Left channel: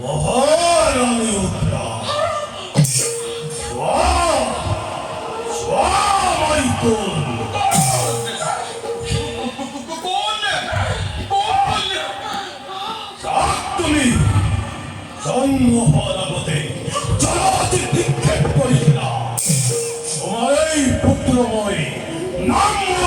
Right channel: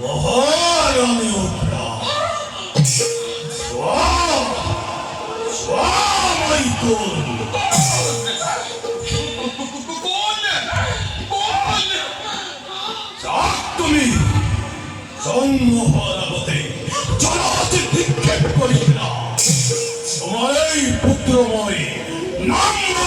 মহারানী উত্তরা স্বামাইকুম তুমি জন্ম হওয়ার আগতে জলাতে নিক্ষেপ করেছিল তোমার এই পুত্রময় নাঙ্গল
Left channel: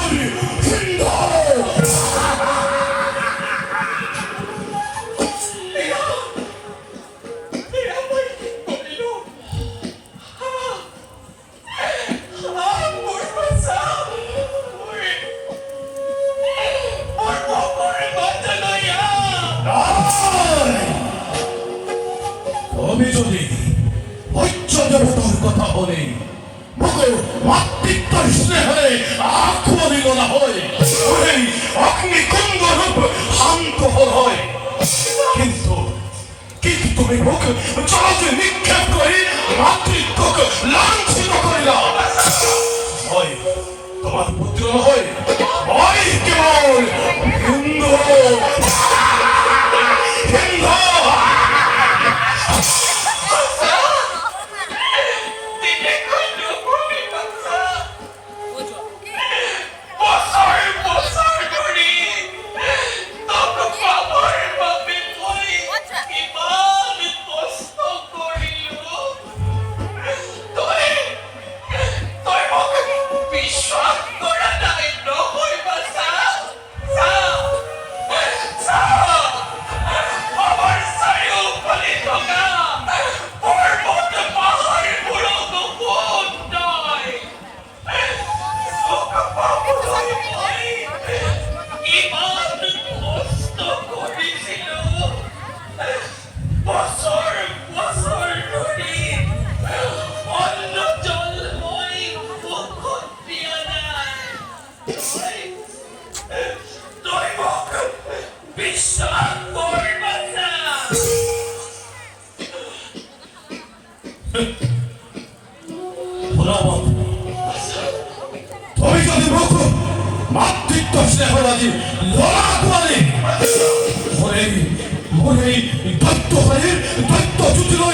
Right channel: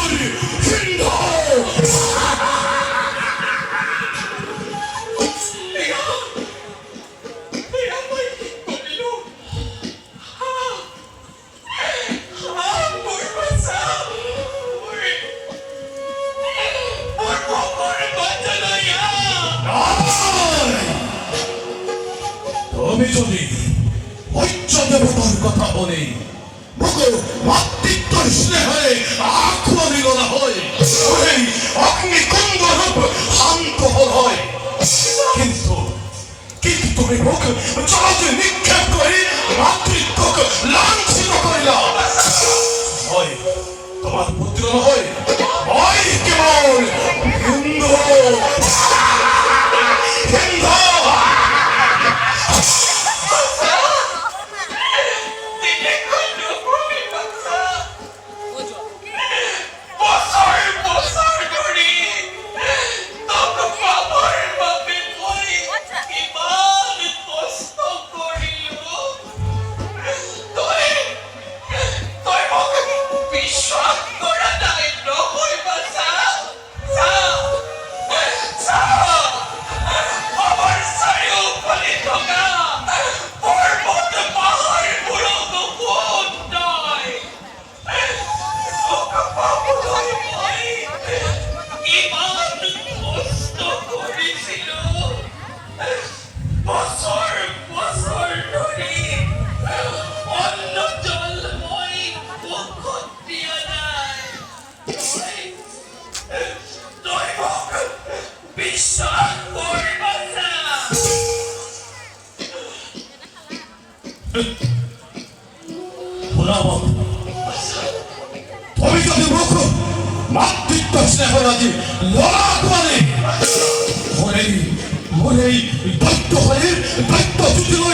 হিন্দু যদি ঐচ্য দেবতার কথা বলে মাতৃত্ব স্নেহে আক্রমণ করা হয় অগ্নিকুণ্ড রূপ শান্ত হয় কিন্তু কিন্তু তুমি মুখ জলতে নিক্ষেপ করে মাতৃত্বকে লাঞ্ছিত করিলা হয় তোমার পুত্র হয় হয় কেবল হিন্দু মাতৃত্ব স্নেহরাজি লড়া করে মনে দৈত্য হয়ে দৈত্য যুদ্ধ